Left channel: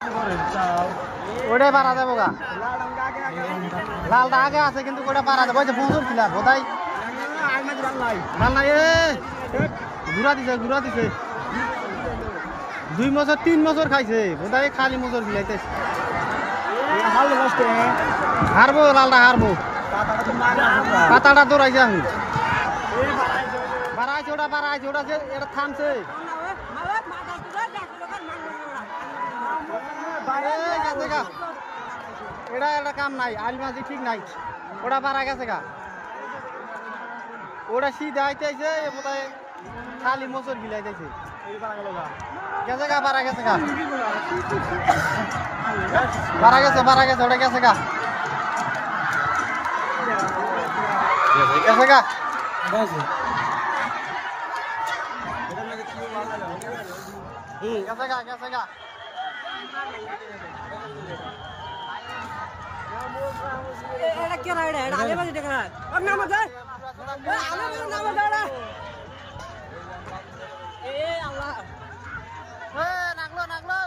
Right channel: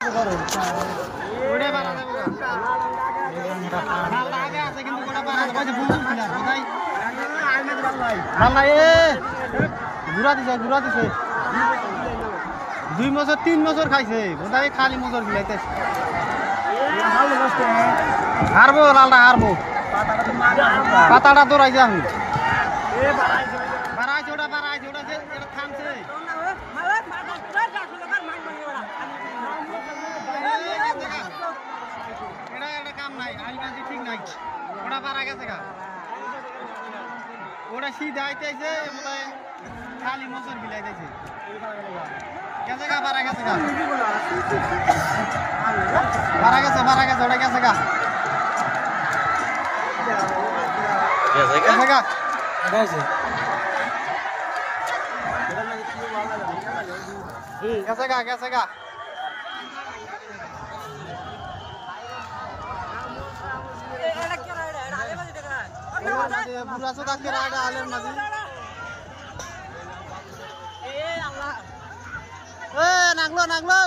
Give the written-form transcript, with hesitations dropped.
ওটা পারা যাবো গা লালটা আগে আছে কিন্তু ওটা পারা যাবো বুঝুন ছিল কোথায় লাল নাই ঘুরা দিছে 2 বছর 3 বছর খাইছে কোথায় খালি মোচর বিলাইতেছে হারবো লালটা হারবো পাতাটা দৌড়াইছে আমি বাড়াইছে ওটা যে এটা থামছে এটা একটা কাম নাই আলিমাজি ঠিক নাই ওটা পারা গেছে গা ওটা সিধা আইতেছে বোধহয় খালি মোচর গিলাইতেছে গেছে গা পারা গেছে গা পারা গেছে ওটা গেছে গা গেছে গা গেছে গা নাগলো